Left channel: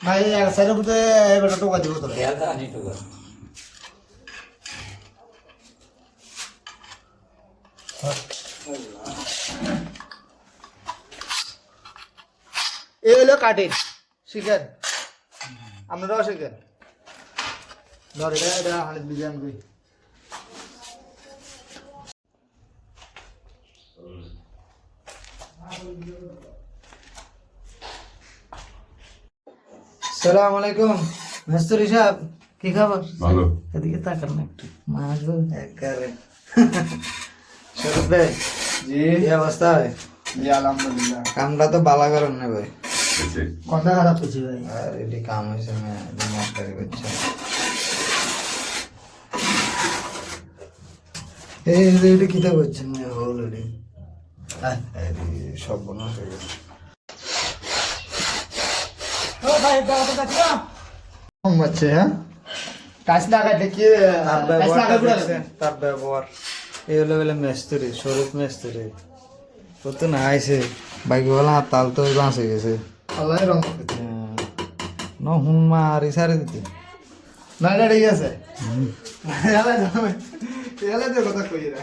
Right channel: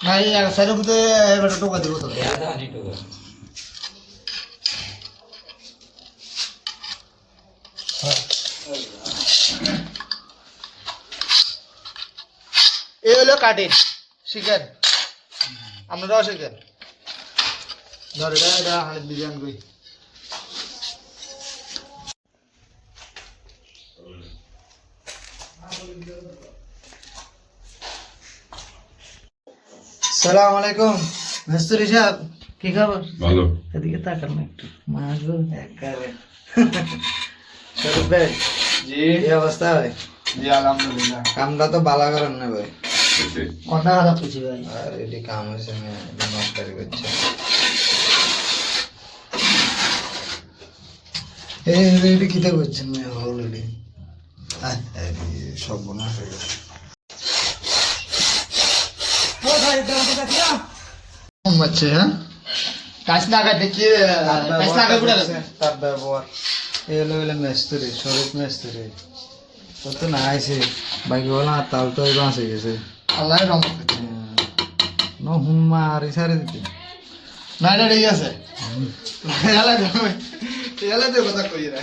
ভাই এক সাইডের মধ্যে এবার টোকা দিব তো এই হলো কাটিং শিখেন আপনারাও শিখেন ধরে এটা হানিফ বিজ্ঞান কই আসসালামু আলাইকুম মিস্ত্রি সাহেব কি খবর ভালো এদিকে তাকান না একটু মাগো একবারে সরবে জি কি অবস্থা ভাই জি আলহামদুলিল্লাহ কামটা তো ভালো করেন না ভাই কত খারাপ করছি ভাই আর এটি কাম হইছে না এটি মাস্টারি করছে এটি কিতা করছেন না অলরেডি সব বোনা হয়ে গেছে হচ্ছে হ্যাঁ কাজ না কাটে কি কাজ না কাটে তার ব্যবহার এই হলো বলে মেস্তুরি শরীফ মেস্তুরি তো তো না আইছে বাইক বলা তাল তো বাঁচে গেছে আল্লাহ রং করছে ন হুন মা আর ইসারে দিতে না এটা ঠিক আছে এলা তো কথা কই রে